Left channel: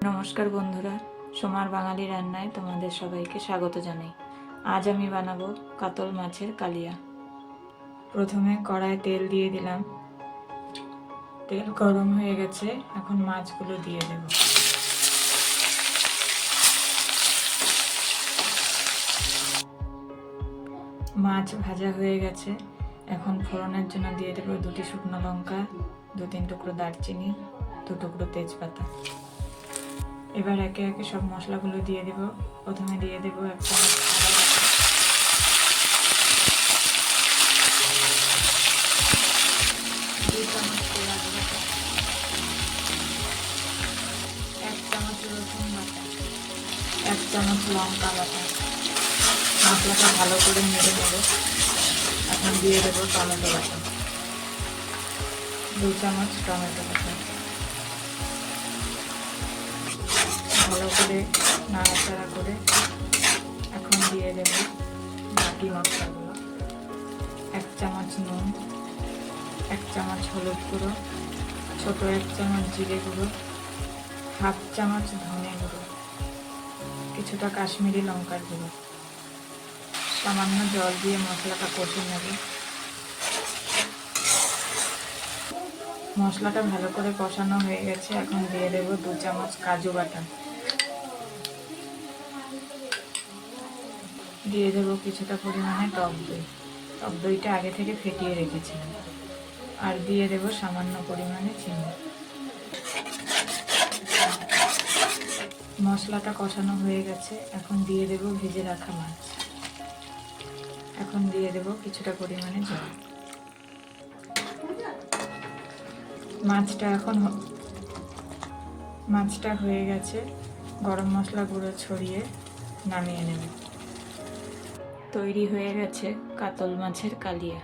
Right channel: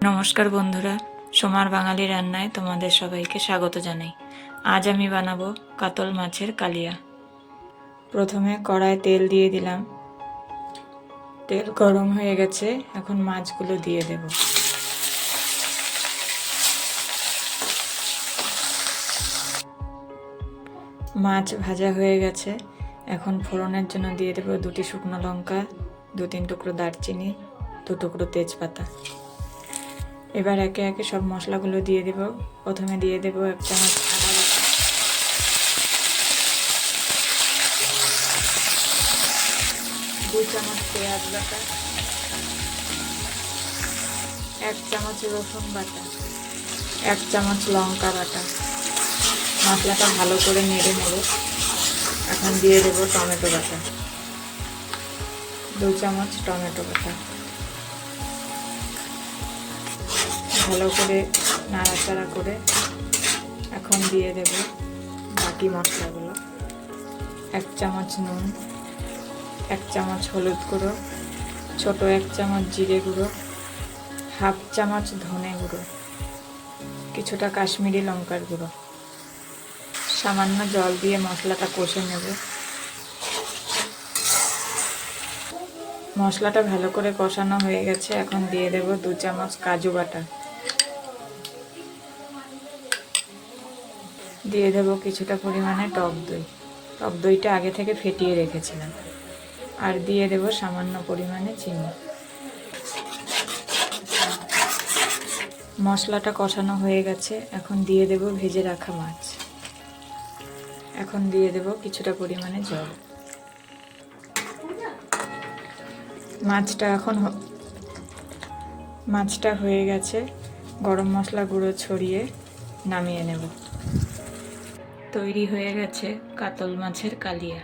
নমস্কার বন্ধুরা, সোমার বাঙালি রান্নায় তোমাদের সবাইকে স্বাগত জানাই। আজ আমি বানাবো কাতল মাছের কালিয়া। প্রথমে কড়ায় তেল দিয়ে দিলাম। তেল গরম হয়ে গেছে, এখন মাছগুলো দিয়ে দেব। মাছ ভাজা হয়ে গেছে, এখন ফোড়নের জন্য দিয়ে দেবো দুটি শুকনো লঙ্কা দু তিন টুকরো দারচিনি, দু টুকরো তেজপাতা। এবার একে একে সব মশলাগুলো দিয়ে দেব। প্রথমে দিয়ে দেব এক চামচ। দুই চামচ পেঁয়াজ এক চামচ রসুন বাটা। এক চামচ লঙ্কা বাটা। মশলাটা ভালো করে নেড়ে নেড়ে এখন দিয়ে দেবো টমেটো বাটা। দু চামচ টমেটো বাটা। ভালো করে নাড়াচাড়া করে এখন দিয়ে দেব বাকি মশলাগুলো। এক চামচ নুন, এক চামচ হলুদ গুঁড়ো, ছোট এক চামচ জিরে গুঁড়ো, হাফ চামচ ধনে গুঁড়ো, কিছুটা কাশ্মীরি লঙ্কার গুঁড়ো। সামান্য জল দিয়ে মশলাটা কষে নেব। মশলাটা ভালো করে কষানো হয়ে গেছে, এখন দিয়ে দেব দু চামচ কাজু বাটা। দিয়ে দেবো কিছুটা পরিমাণে টক দই। টক দইটা আগে থেকে ফেটিয়ে রেখেছিলাম। আর দিয়ে দেব সামান্য পরিমাণে চিনি। মশলাটা কষানো হয়ে গেছে। এখন দিয়ে দেব ভেজে রাখা মাছ। এখন দিয়ে দেব কিছুটা পরিমাণে জল। মাছটা এখন মাছটা হয়ে গেছে। গরম মশলা গুঁড়ো ছড়িয়ে নামিয়ে নেব। তৈরি হয়ে গেছে কাতল মাছের কালিয়া।